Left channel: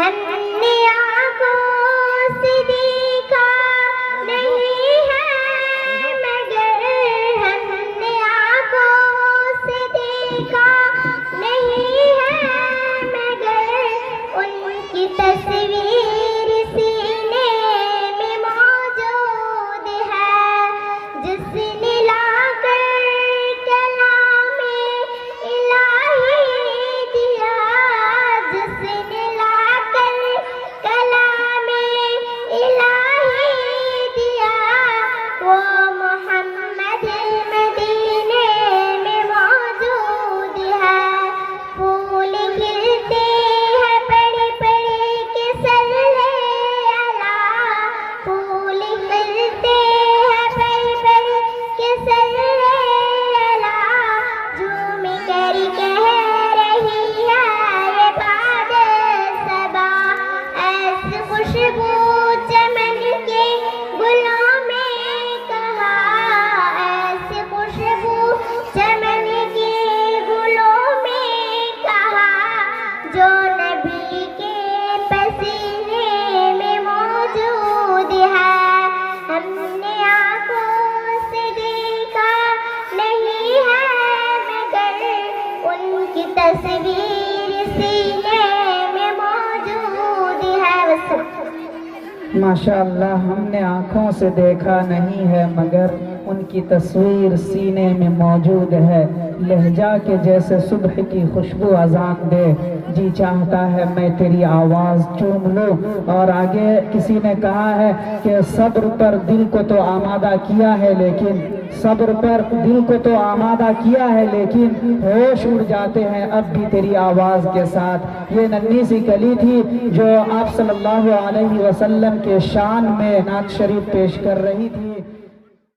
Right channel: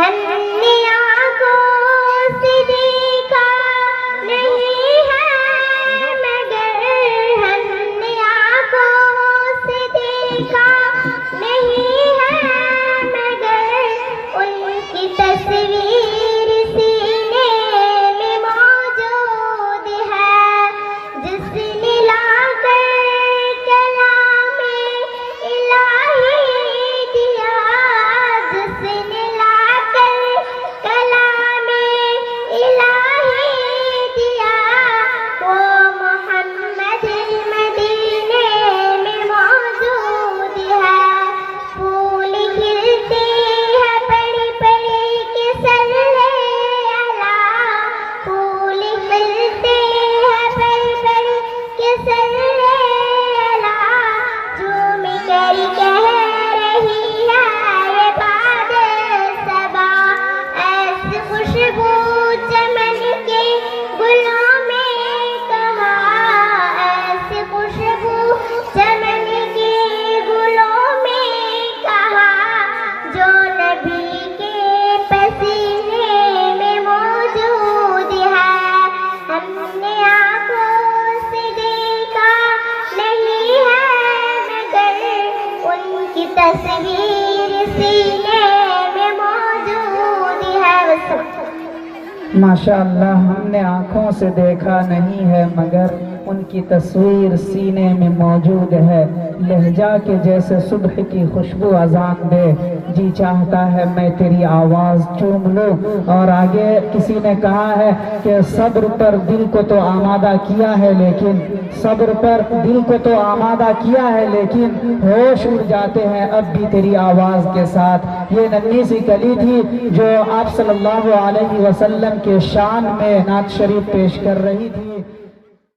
ہم نے آنکھوں سے دیکھا نہیں ہے مگر، ہم نے آنکھوں سے دیکھا نہیں ہے مگر، ان کی تصویر سینے میں موجود ہے، جس نے لا کر کلام الہی دیا، جس نے لا کر کلام الہی دیا، وہ محمد مدینے میں موجود ہے۔ پھول کھلتے ہیں پڑھ پڑھ کے صلی اللہ، پھول کھلتے ہیں پڑھ پڑھ کے صلی اللہ، جھوم کر کہہ رہی ہے یہ باد صبا، ایسی خوشبو چمن کے گلوں میں کہا، ایسی خوشبو چمن کے گلوں میں کہا، جو نبی کے پسینے میں موجود ہے۔ ہم نے آنکھوں سے دیکھا نہیں ہے مگر، ان کی تصویر سینے میں موجود ہے۔ ماشاءاللہ، ہم نے آنکھوں سے دیکھا نہیں ہے مگر، ان کی تصویر سینے میں موجود ہے۔ لہجہ کے جیسے صبح کی خوشبو اذان دے، جی چاہتا ہے میں تیری آواز چوم لوں۔ اور آگے کسی نے کہا ہے کہ صبر پر دل کو تو آمادہ کیا ہے لیکن، صبر پر دل کو تو آمادہ کیا ہے لیکن، ہوش اڑ جاتے ہیں اب بھی تیری آواز کے ساتھ۔ یہ ننھی سی کلی تھی جو آپ صلی اللہ علیہ وسلم کے شان میں نعت شریف پیش کر رہی تھی۔